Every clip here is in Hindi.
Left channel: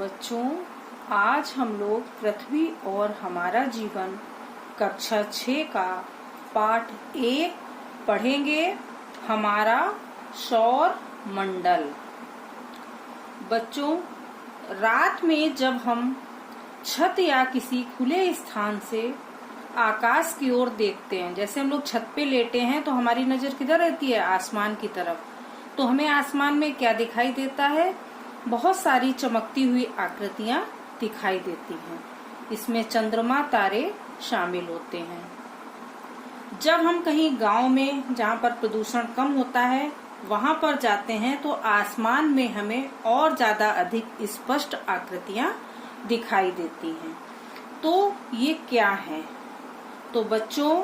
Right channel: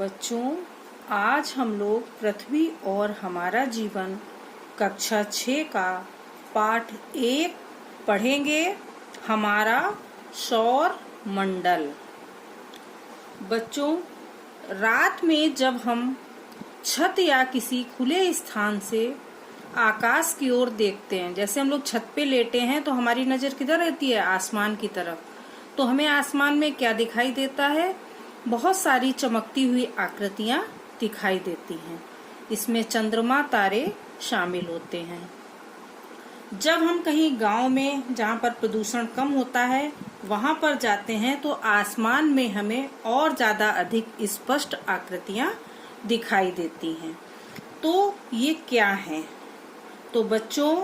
बच्चों, आज हम लोग पृथ्वी और हमारा जीवन कक्षा 6 का पाठ 1 पढ़ेंगे। हमारा सौर मंडल। बच्चों, रात में जब हम छत या किसी खुले स्थान से आकाश की ओर देखते हैं, जैसे हम लोग छत पे लेटे हैं तो हमारी नजर किधर रहती है? आसमान की तरफ। तो हमें आसमान में क्या दिखाई देता है? बहुत सारी चमकती हुई आकृतियां दिखाई देती हैं। इसमें चंद्रमा, तारे शामिल होते हैं। जब हम कहीं गांव में, जहां पर प्रदूषण कम होता है, वहां पर जाते हैं तो आसमान में हमें और ज्यादा अधिक स्पष्ट आकृतियां दिखाई देती हैं। तो ये क्या है? तो बच्चों,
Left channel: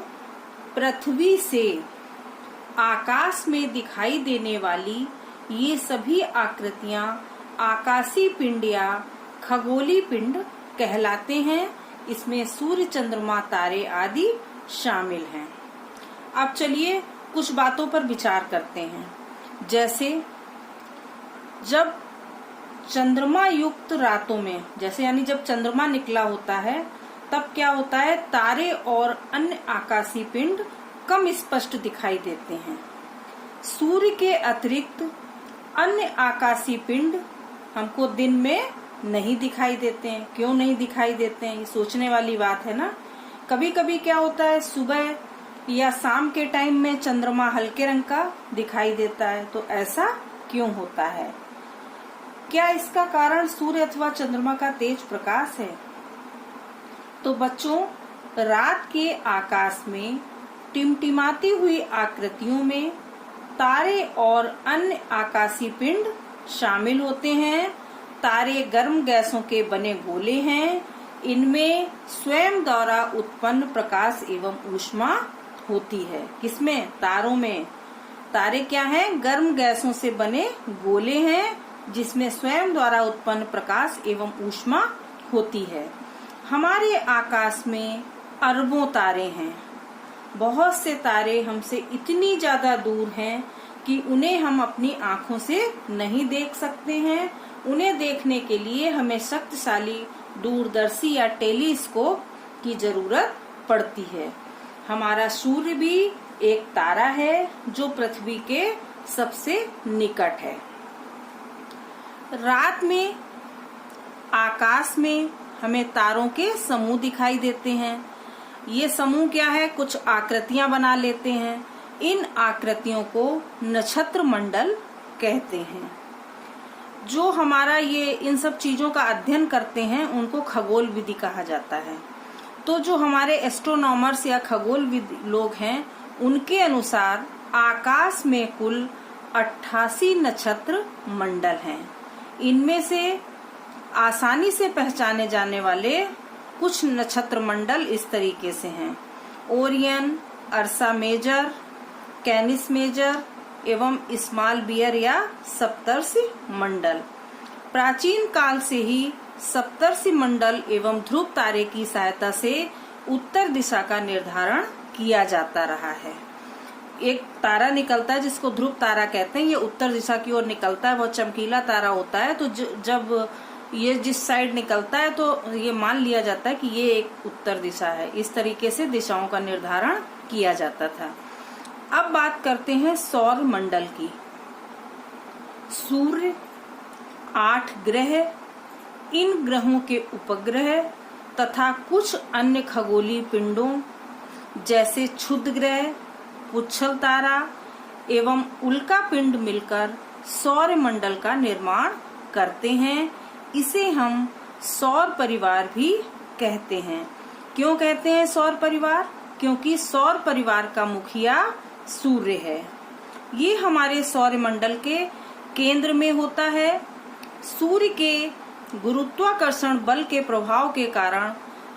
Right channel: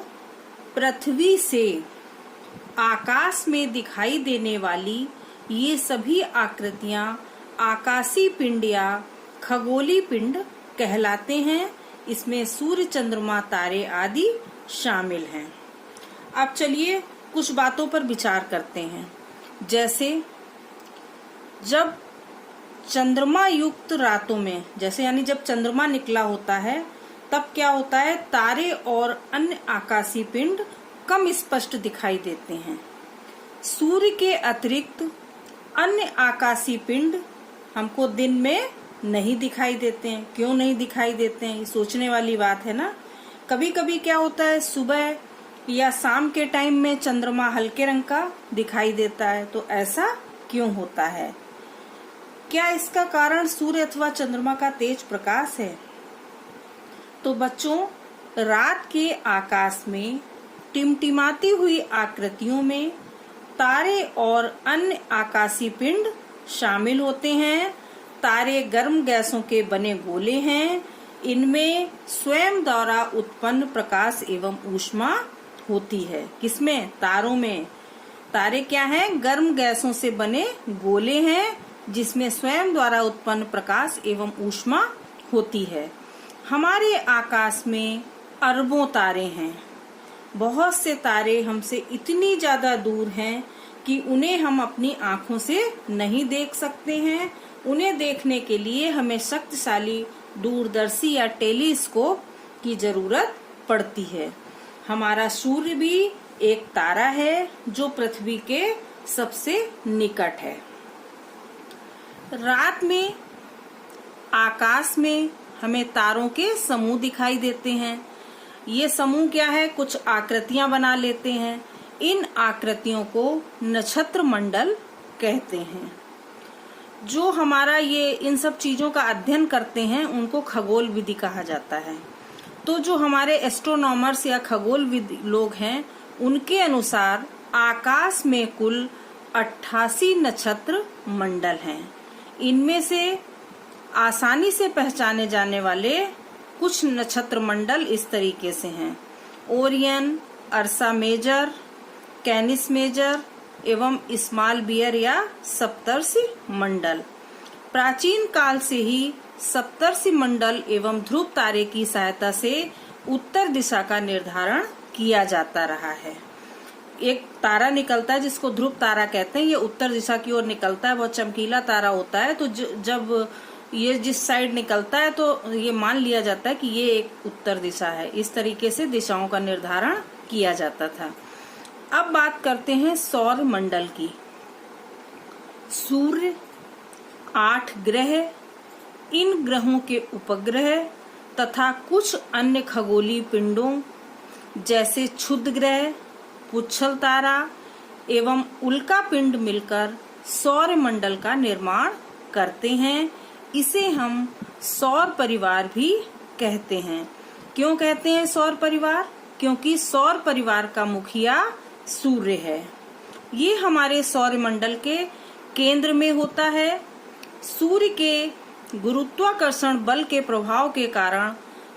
पृथ्वी से आकाश में दिखाई देने वाली ये सभी आकृतियां आकाशीय पिंड या खगोलीय पिंड कहलाते हैं। इसमें सूर्य, चंद्रमा, तारे आदि शामिल हैं। अब चलिए कुछ बातों पर विचार करते हैं। जैसे जब चंद्रमा युक्त रातों में, जैसे यानी जब चंद्रमा निकला होता है, तब क्या होता है? तारे और अन्य आकाशीय पिंड कम स्पष्ट दिखाई देते हैं। सूर्य के अतिरिक्त अन्य आकाशीय पिंड हमको दिन में नहीं दिखाई देते हैं। क्यों नहीं दिखाई देते हैं? ये सोचने वाली बात है ना। कभी कभी क्या होता है, सुबह या शाम के टाइम में चंद्रमा हल्के रंग का दिखाई देता है। तो ऐसा क्यों होता है? क्या इसका कारण सूर्य अथवा चंद्रमा का तेज प्रकाश है? तो बच्चों, रात के आकाश में टिमटिमाती हुई आकृतियों में तारे और अन्य आकाशीय पिंड शामिल होते हैं। तारे गर्म गैसों के बने गोले हैं। इनमें स्वयं द्वारा उत्पन्न प्रकाश एवं ऊष्मा होती है। किसमें? तारों में। तारे क्या हैं? गर्म गैसों से बने गोले हैं, जिसमें स्वयं द्वारा उत्पन्न प्रकाश एवं ऊष्मा होती है। हमारे आकाश में अरबों तारे हैं। बहुत से तारे हमसे इतनी ज्यादा दूर हैं कि उन्हें हम अपनी आंखों से नहीं देख सकते हैं। उन्हें देखने के लिए हमें शक्तिशाली दूरदर्शी या टेलीस्कोप की जरूरत पड़ती है। हमारा सूर्य भी एक तारा है जो पृथ्वी के सबसे निकट है। रात में आकाश में हमें तारों के समूह दिखाई देते हैं। ये समूह क्या है? कुछ आकृतियां बना लेते हैं। इन आकृतियों को नक्षत्र मंडल कहते हैं। जो हमारा ये इन सब चीजों का अध्ययन करते हैं उनको खगोल विधि कहा जाता है। तो जो हमारे एस्ट्रोनॉमर्स या खगोल विद लोग हैं, उनके अनुसार आकाश में कुल 88 नक्षत्र मंडल हैं। इनमें से आसानी से पहचाने जाने वाले कुछ नक्षत्र मंडल इस तरीके से हैं: ओरियन, अर्सा मेजर, कैनिस मेजर एवं स्मॉल बियर या सप्तर्षि मंडल। प्राचीन काल से ही सप्तर्षि मंडल एवं ध्रुव तारे की सहायता से उत्तर दिशा का निर्धारण किया जाता रहा है। एक तारा निकलता है जिसको ध्रुव तारा कहते हैं। ये उत्तर दिशा की ओर निकलता है। बहुत चमकीला तारा होता है। तो जब ये जिस साइड निकलता है तो ये मान लिया जाता है कि ये एक उत्तर दिशा है। इस तरीके से दिशाओं का निर्धारण किया जाता था। अब बात करते हैं सौर मंडल की। सूर्य, 8 ग्रह, इन ग्रहों के उपग्रह तथा कुछ अन्य खगोलीय पिंडों जैसे क्षुद्र ग्रह, पुच्छल तारा एवं उल्का पिंड मिलकर सौर मंडल का निर्माण करते हैं। इसे हम सौर परिवार भी कहते हैं। क्यों कहते हैं सौर परिवार? क्योंकि सौर परिवार का मुखिया सूर्य है। ये हमारे सौर मंडल के केंद्र में होता है। सूर्य के गुरुत्वाकर्षण बल के प्रभाव के कारण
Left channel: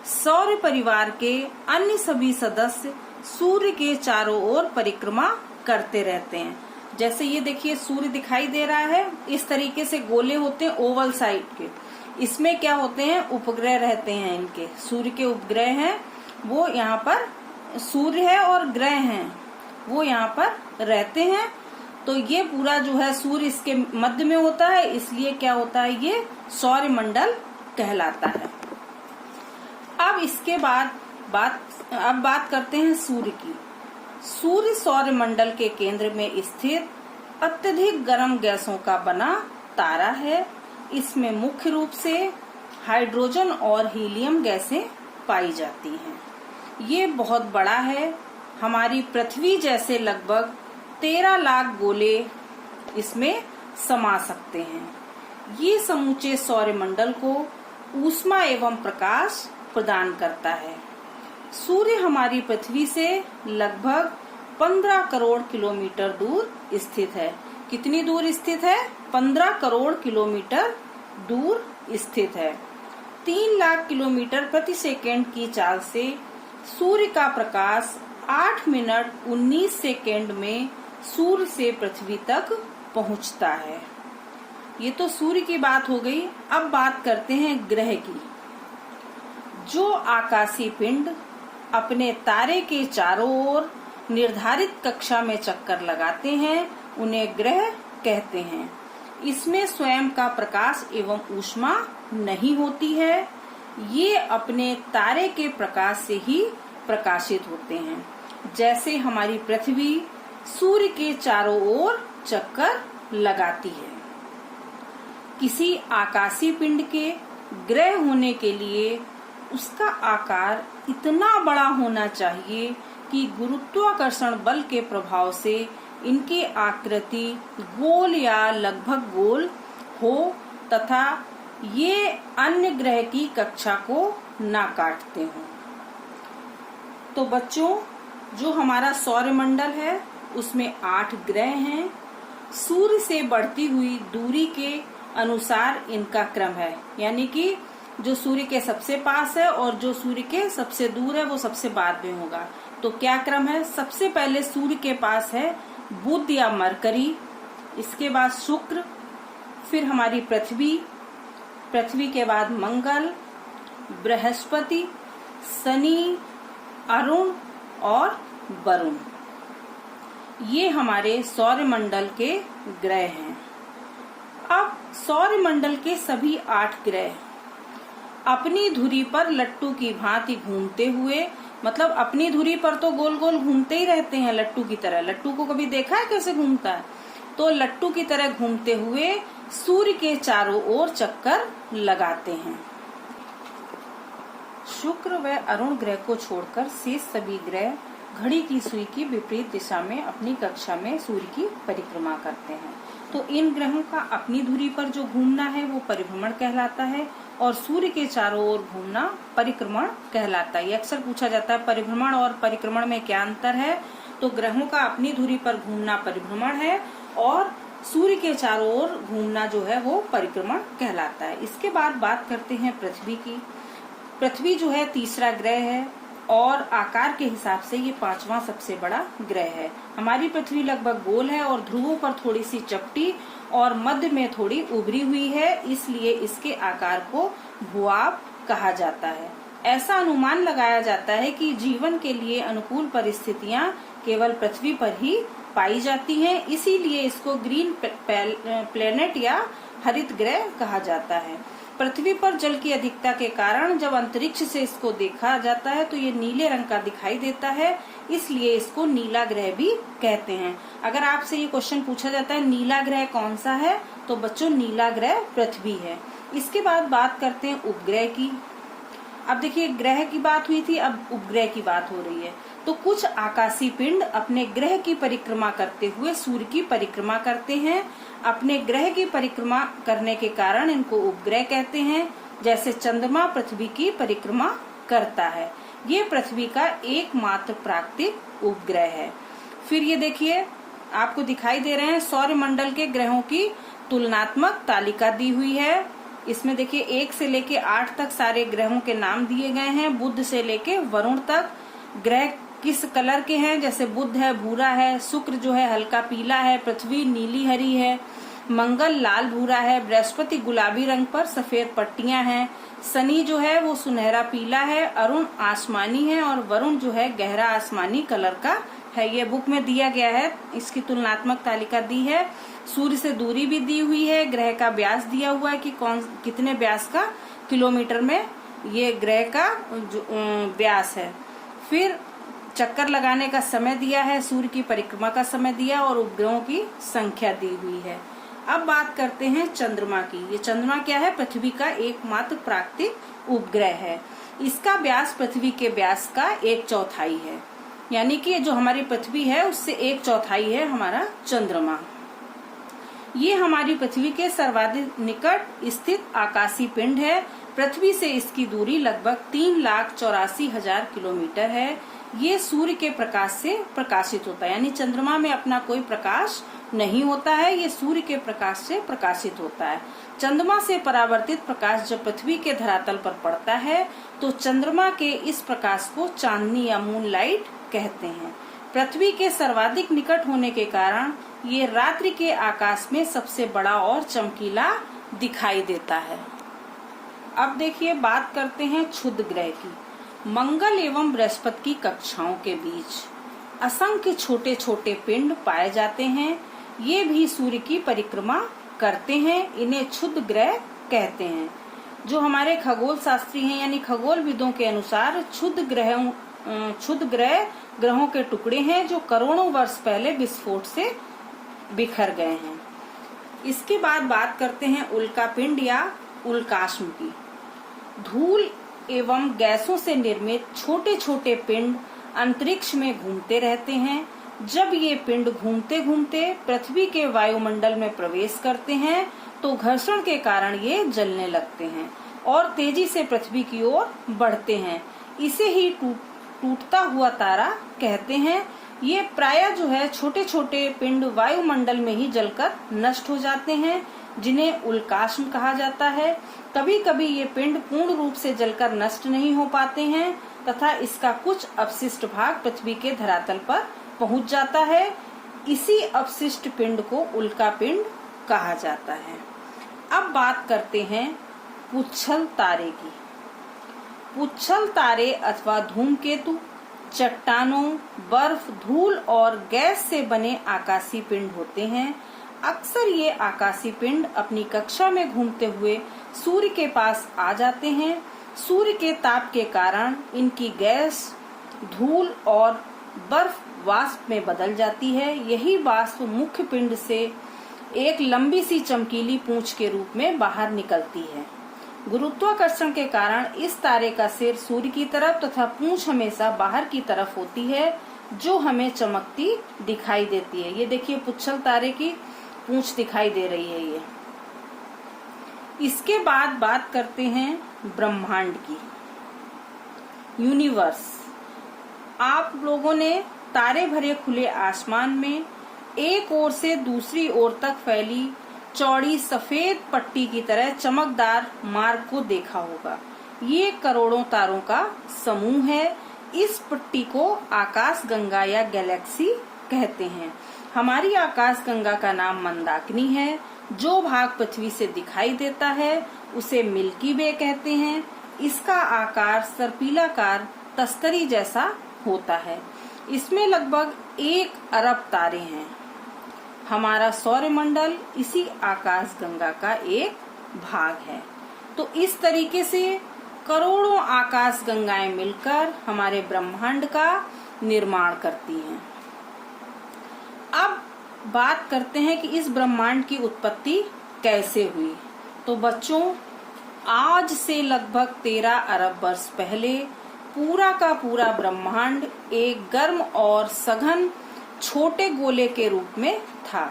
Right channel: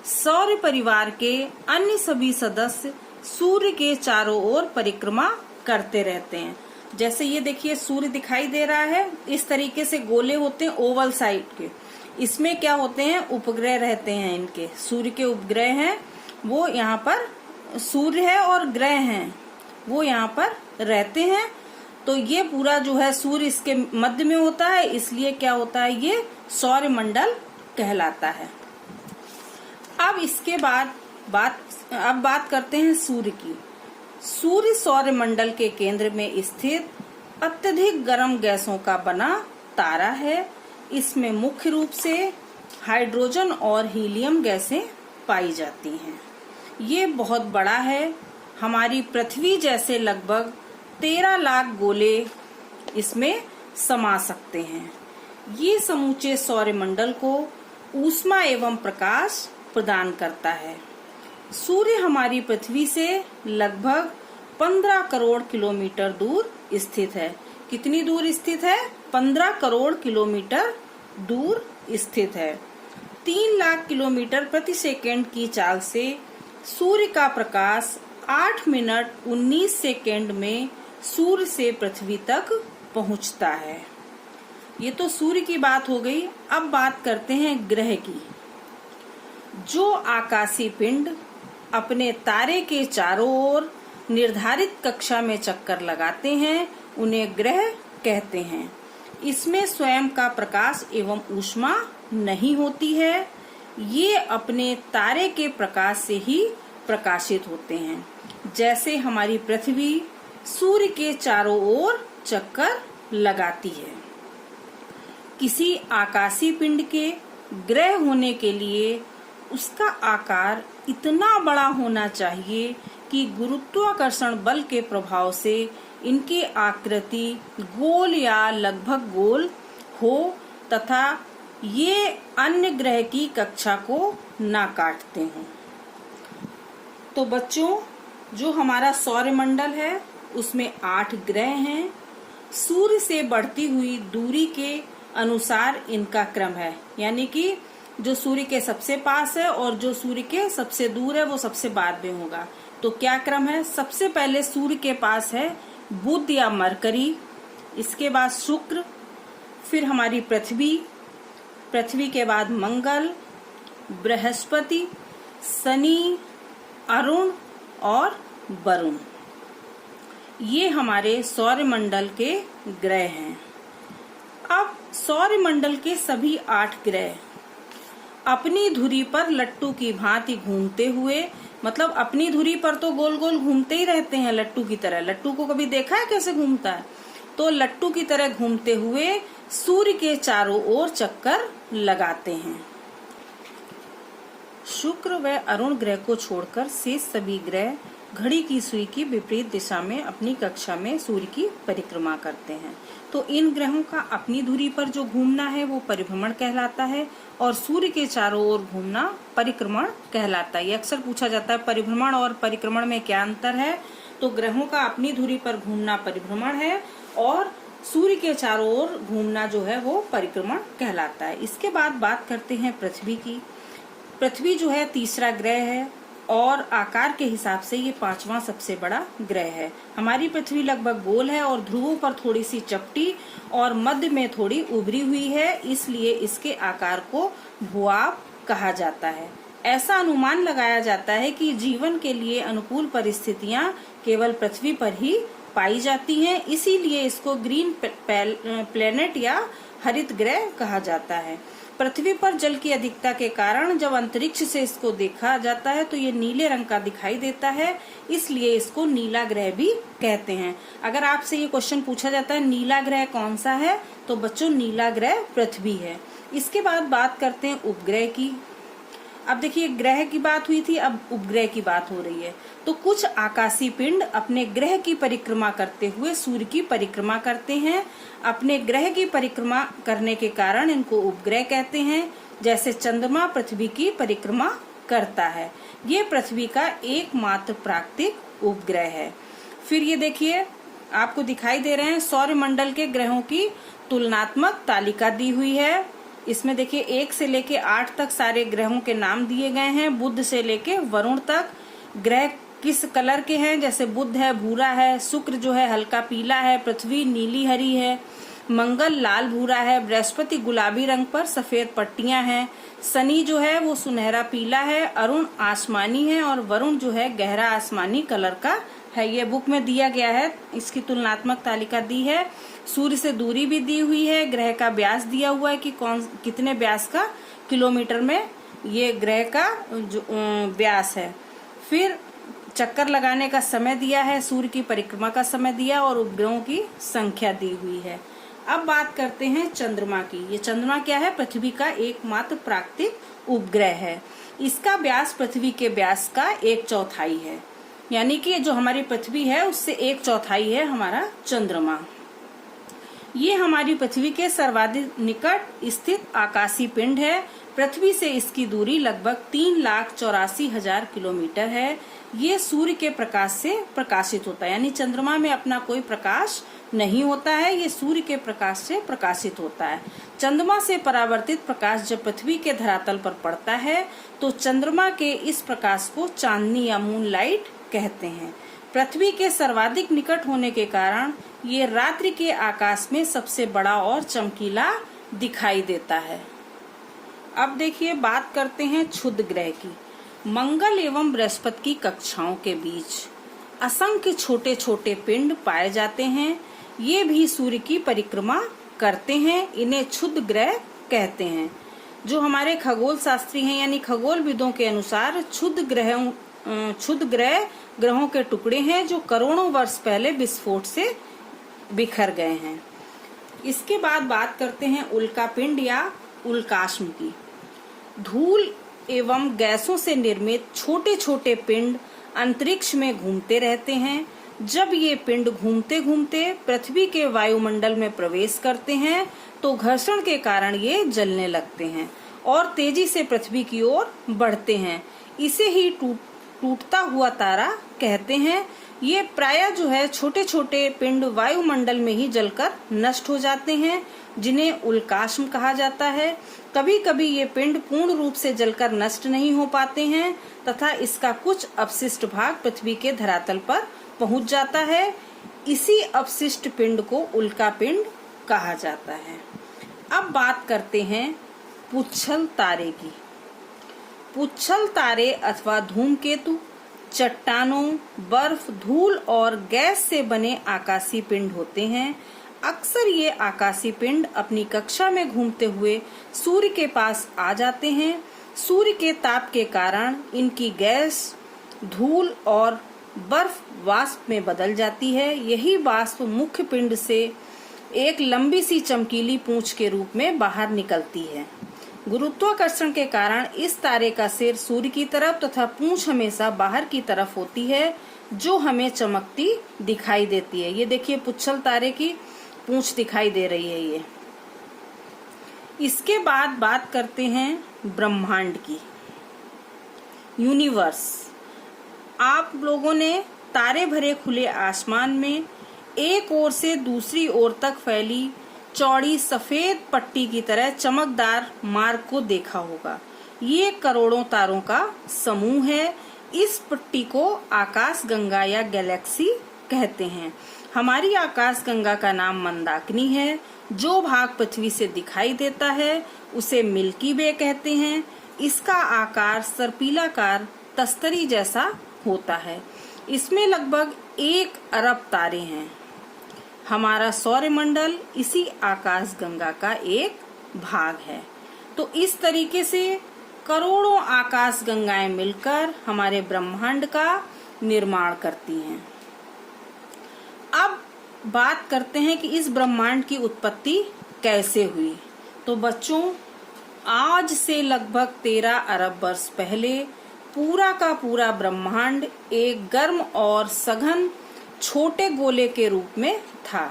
सौर परिवार के अन्य सभी सदस्य सूर्य के चारों ओर परिक्रमा करते रहते हैं। जैसे ये देखिए, सूर्य दिखाई दे रहा है। इस तरीके से गोले होते हैं ओवल साइड के। इसमें क्या होते हैं? उपग्रह रहते हैं। इनके सूर्य के उपग्रह हैं, वो यहाँ पर सूर्य है और ग्रह हैं वो यहाँ पर रहते हैं। तो ये पूरा जो है सूर्य इसके मध्य में होता है, इसलिए क्या होता है, ये सौर मंडल कहलाता है। अब इसके बाद बात करते हैं सूर्य की। सूर्य सौर मंडल के केंद्र में स्थित अत्यधिक गर्म गैसों का बना तारा है। इसमें मुख्य रूप से हाइड्रोजन और हीलियम गैसें पाई जाती हैं। ये बहुत बड़ा है, हमारी पृथ्वी जैसे लगभग 13 लाख गोले इसमें समा सकते हैं। ये समूचे सौर मंडल को ऊष्मा एवं प्रकाश प्रदान करता है। सूर्य हमारी पृथ्वी से लगभग 15 करोड़ किलोमीटर दूर स्थित है। कितनी दूर स्थित है? 15 करोड़ किलोमीटर दूर स्थित है। 3 लाख किलोमीटर प्रति सेकंड की चाल से सूर्य का प्रकाश 8 मिनट 19 सेकंड में सूर्य से पृथ्वी तक पहुंचता है। ये तो सूर्य की बात हो गई। अब बात करते हैं ग्रह की। जो आकाशीय पिंड अपने तारे के चारों ओर निर्धारित कक्षा में चक्कर लगाते हैं उन्हें ग्रह कहते हैं। इसमें स्वयं का प्रकाश एवं ऊष्मा नहीं होती है। ये अपने तारे के प्रकाश से ही प्रकाशित होते हैं। जैसे हमारी पृथ्वी सूर्य के चारों ओर चक्कर लगाती है। किसी आकाशीय पिंड के ग्रह होने के लिए उसका आकार इतना बड़ा होना चाहिए कि गुरुत्वाकर्षण बल के प्रभाव से इनकी आकृति गोल या लगभग गोल हो तथा ये अन्य ग्रह की कक्षा को ना काटते हों। तो बच्चों, जो हमारा सौर मंडल है उसमें 8 ग्रह हैं। सूर्य से बढ़ती हुई दूरी के अनुसार इनका क्रम है, यानी कि जो सूर्य के सबसे पास है और जो सूर्य के सबसे दूर है वो सबसे बाद में होगा। तो क्या क्रम है? सबसे पहले सूर्य के पास है बुध या मरकरी, इसके बाद शुक्र, फिर हमारी पृथ्वी के बाद मंगल, बृहस्पति, शनि, अरुण और वरुण। ये हमारे सौर मंडल के ग्रह हैं। अब सौर मंडल के सभी 8 ग्रह अपनी धुरी पर लट्टू की भांति घूमते हुए, मतलब अपनी धुरी पर तो गोल गोल घूमते ही रहते हैं लट्टू की तरह। लट्टू को कभी देखा है कैसे घूमता है? तो लट्टू की तरह घूमते हुए सूर्य के चारों ओर चक्कर लगाते हैं। शुक्र व अरुण ग्रह को छोड़कर शेष सभी ग्रह घड़ी की सुई की विपरीत दिशा में अपनी कक्षा में सूर्य की परिक्रमा करते हैं। तो इन ग्रहों का अपनी धुरी पर जो घूमना है वो परिभ्रमण कहलाता है और सूर्य के चारों ओर घूमना परिक्रमण कहलाता है। ये अक्सर पूछा जाता है परिभ्रमण और परिक्रमण में क्या अंतर है। तो ग्रहों का अपनी धुरी पर घूमना परिभ्रमण है और सूर्य के चारों ओर घूमना जो है वो परिक्रमण कहलाता है। इसके बाद बात करते हैं पृथ्वी की। पृथ्वी जो है तीसरा ग्रह है और आकार के हिसाब से ये 5वां सबसे बड़ा ग्रह है। हमारी पृथ्वी लगभग गोल है और ध्रुवों पर थोड़ी सी चपटी और मध्य में थोड़ी उभरी हुई है, इसलिए इसके आकार को भूभाग कहा जाता है। ऐसा अनुमान लगाया जाता है कि जीवन के लिए अनुकूल परिस्थितियां केवल पृथ्वी पर ही पाई जाती हैं, इसीलिए इसको ग्रीन प्लेनेट या हरित ग्रह कहा जाता है। पृथ्वी पर जल की अधिकता के कारण जब अंतरिक्ष से इसको देखा जाता है तो ये नीले रंग का दिखाई देता है, इसलिए इसको नीला ग्रह भी कहते हैं। अगर आपसे ये क्वेश्चन पूछा जाता है नीला ग्रह कौन सा है, तो बच्चों नीला ग्रह पृथ्वी है। इसके बाद बात करते हैं उपग्रह की। अब देखिए ग्रह की बात हुई थी, अब उपग्रह की बात हो रही है। तो कुछ आकाशीय पिंड अपने ग्रह की परिक्रमा करते हुए सूर्य की परिक्रमा करते हैं। अपने ग्रह की परिक्रमा करने के कारण इनको उपग्रह कहते हैं। जैसे चंद्रमा पृथ्वी की परिक्रमा करता है, ये पृथ्वी का एकमात्र प्राकृतिक उपग्रह है। फिर ये देखिए आपको दिखाई दे रहे हैं सौर मंडल के ग्रहों की तुलनात्मक तालिका दी हुई है। इसमें देखिए 1 से लेके 8 तक सारे ग्रहों के नाम दिए गए हैं। बुध से लेके वरुण तक ग्रह किस कलर के हैं, जैसे बुध है भूरा है, शुक्र जो है हल्का पीला है, पृथ्वी नीली हरी है, मंगल लाल भूरा है, बृहस्पति गुलाबी रंग पर सफेद पट्टियां हैं, शनि जो है वो सुनहरा पीला है, अरुण आसमानी है और वरुण जो है गहरा आसमानी कलर का है, ये बुक में दिया गया है, इसकी तुलनात्मक तालिका दी है। सूर्य से दूरी भी दी हुई है, ग्रह का व्यास दिया हुआ है कि कितने व्यास का किलोमीटर में ये ग्रह का व्यास है। फिर चक्कर लगाने का समय दिया है, सूर्य की परिक्रमा का समय दिया और उपग्रहों की संख्या दी हुई है। अब बात करते हैं चंद्रमा की। ये चंद्रमा क्या है? पृथ्वी का एकमात्र प्राकृतिक उपग्रह है। इसका व्यास पृथ्वी के व्यास का 1/4 है, यानी कि जो हमारी पृथ्वी है उससे 1/4 है हमारा चंद्रमा। ये हमारी पृथ्वी के सर्वाधिक निकट स्थित आकाशीय पिंड है। पृथ्वी से इसकी दूरी लगभग 3,84,000 किलोमीटर है। ये सूर्य के प्रकाश से प्रकाशित होता है, यानी चंद्रमा में अपना कोई प्रकाश नहीं होता है, ये सूर्य के प्रकाश से प्रकाशित होता है। चंद्रमा से परावर्तित प्रकाश जब पृथ्वी के धरातल पर पड़ता है तो चंद्रमा के इस प्रकाश को चांदनी या मून लाइट कहते हैं। पृथ्वी के सर्वाधिक निकट होने के कारण ये रात्रि के आकाश में सबसे बड़ा और चमकीला दिखाई देता है। अब देखिए, बात करते हैं क्षुद्र ग्रह की। मंगल एवं बृहस्पति की कक्षाओं के बीच असंख्य छोटे छोटे पिंड पाए जाते हैं। ये भी सूर्य की परिक्रमा करते हैं, इन्हें क्षुद्र ग्रह कहते हैं। जो हमारे खगोल शास्त्री हैं यानी खगोल विदों के अनुसार क्षुद्र ग्रह ग्रहों के टुकड़े हैं जो करोड़ों वर्ष पहले विस्फोट से बिखर गए हैं। इसके बाद बात करते हैं उल्कापिंड या उल्काश्म की। धूल एवं गैसों से निर्मित छोटे छोटे पिंड अंतरिक्ष में घूमते रहते हैं। जब ये पिंड घूमते घूमते पृथ्वी के वायुमंडल में प्रवेश करते हैं तो घर्षण के कारण ये जलने लगते हैं और तेजी से पृथ्वी की ओर बढ़ते हैं। इसे ही टूटता हुआ तारा कहते हैं। ये प्रायः जो है छोटे छोटे पिंड वायुमंडल में ही जलकर नष्ट हो जाते हैं, जिन्हें उल्काश्म कहा जाता है। कभी कभी ये पिंड पूर्ण रूप से जलकर नष्ट नहीं हो पाते हैं तथा इसका कुछ अपशिष्ट भाग पृथ्वी के धरातल पर पहुंच जाता है। इसी अपशिष्ट पिंड को उल्कापिंड कहा जाता है। अब बात करते हैं पुच्छल तारे की। पुच्छल तारे अथवा धूमकेतु चट्टानों, बर्फ, धूल और गैस से बने आकाशीय पिंड होते हैं। अक्सर ये आकाशीय पिंड अपनी कक्षा में घूमते हुए सूर्य के पास आ जाते हैं। सूर्य के ताप के कारण इनकी गैस, धूल और बर्फ वाष्प में बदल जाती है। यही वाष्प मुख्य पिंड से एक लंबी सी चमकीली पूंछ के रूप में बाहर निकलती है। गुरुत्वाकर्षण के कारण इस तारे का सिर सूर्य की तरफ तथा पूंछ हमेशा बाहर की तरफ होती है, जो हमें चमकती दिखाई देती है। ये देखिए, पुच्छल तारे की पूंछ दिखाई दे रही है ये। इसके बाद बात करते हैं ब्रह्मांड की, यूनिवर्स। आप लोगों ने तारे भरे खुले आसमान में एक ओर से दूसरी ओर तक फैली चौड़ी सफेद पट्टी की तरह चमकदार मार्ग को देखा होगा। ये करोड़ों तारों का समूह है। इस पट्टी को आकाश गंगा या गैलेक्सी कहते हैं। हमारी आकाश गंगा का नाम मंदाकिनी है। जो भाग पृथ्वी से दिखाई देता है उसे मिल्की वे कहते हैं। इसका आकार सर्पिलाकार तस्तरी जैसा होता है। इसमें लगभग 1 अरब तारे हैं। हमारा सौरमंडल इसी आकाश गंगा का एक भाग है। तो इस तरीके से करोड़ों आकाश गंगाएं मिलकर हमारे ब्रह्मांड का निर्माण करती हैं। अब बात करते हैं कि इस ब्रह्मांड की उत्पत्ति कैसे हुई। तो बच्चों, आज से लगभग 13 अरब वर्ष पहले पूरा का पूरा ब्रह्मांड एक गर्म और सघन छोटे गोले के रूप में था।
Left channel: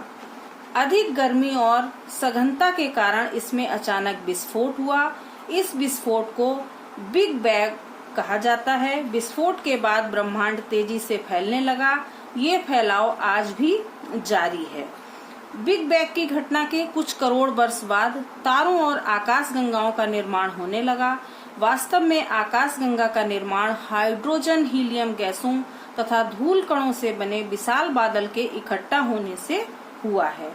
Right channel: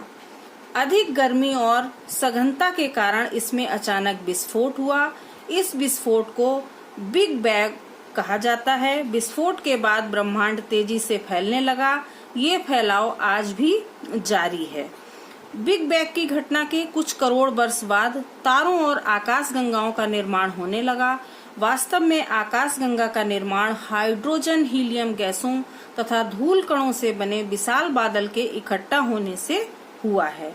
अधिक गर्मी और सघनता के कारण इसमें अचानक विस्फोट हुआ। इस विस्फोट को बिग बैंग कहा जाता है। विस्फोट के बाद ब्रह्मांड तेजी से फैलने लगा। ये फैलाव आज भी जारी है। बिग बैंग की घटना के कुछ करोड़ वर्ष बाद तारों और आकाश गंगाओं का निर्माण होने लगा। वास्तव में आकाश गंगा का निर्माण हाइड्रोजन, हीलियम गैसों तथा धूल कणों से बने विशाल बादल के इकट्ठा होने से हुआ है।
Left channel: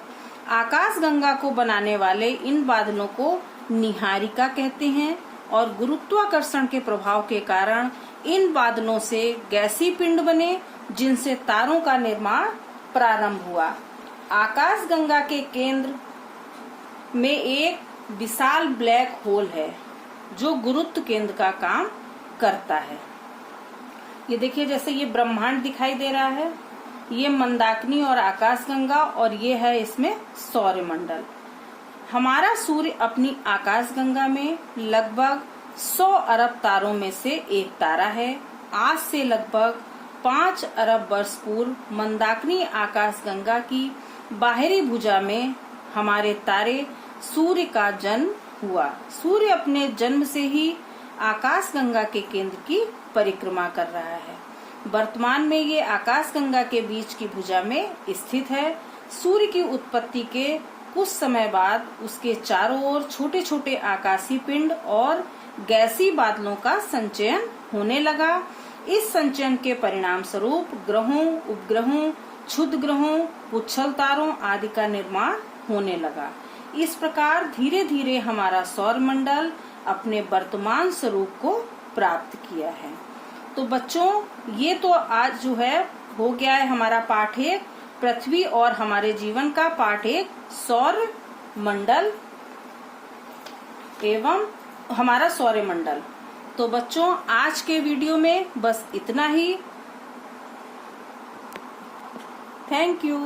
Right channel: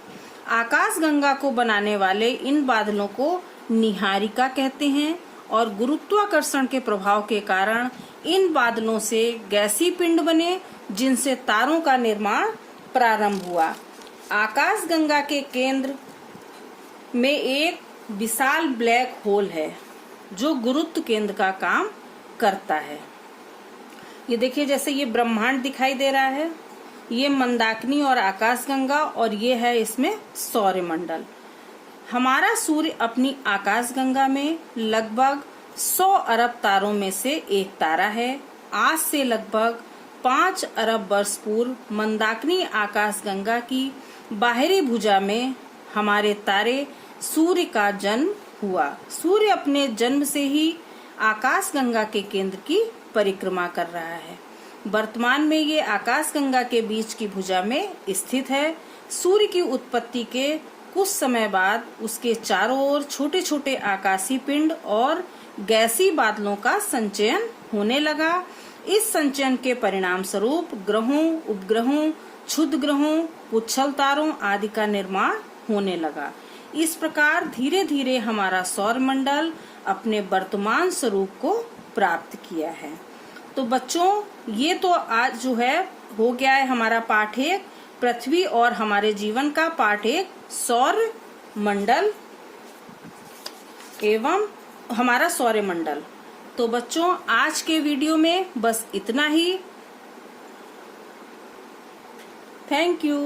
आकाश गंगा को बनाने वाले इन बादलों को निहारिका कहते हैं और गुरुत्वाकर्षण के प्रभाव के कारण इन बादलों से गैसीय पिंड बने जिनसे तारों का निर्माण प्रारंभ हुआ। आकाशगंगा के केंद्र में एक विशाल ब्लैक होल है जो गुरुत्व केंद्र का काम करता है। ये देखिए, जैसे ये ब्रह्मांड दिखाई दे रहा है, ये मंदाकिनी और आकाशगंगा, और ये है इसमें सौरमंडल। हमारा सूर्य अपनी आकाशगंगा में लगभग 100 अरब तारों में से एक तारा है। आज से लगभग 5 अरब वर्ष पूर्व मंदाकिनी आकाशगंगा की बाहरी भुजा में हमारे तारे सूर्य का जन्म हुआ। सूर्य अपने जन्म से ही आकाशगंगा के केंद्र की परिक्रमा कर रहा है। वर्तमान में ये आकाशगंगा के बीच की भुजा में स्थित है। सूर्य की उत्पत्ति के कुछ समय बाद उसके चारों ओर छोटे छोटे आकाशीय पिंड और गैसीय बादलों का संचयन होने लगा। इस संचयन के परिणाम स्वरूप ग्रहों, उपग्रहों, क्षुद्र ग्रहों, पुच्छल तारों आदि का निर्माण होने लगा। इस प्रकार धीरे धीरे हमारा सौरमंडल अपने वर्तमान स्वरूप को प्राप्त किया है। तो बच्चों, ये तो आज जो है हो गया है हमारा पाठ 1 पृथ्वी और हमारे जीवन का, पाठ 1 सौरमंडल एवं हमारा सौरमंडल। तो बच्चों, आज के वीडियो में बस इतना ही। Thank you.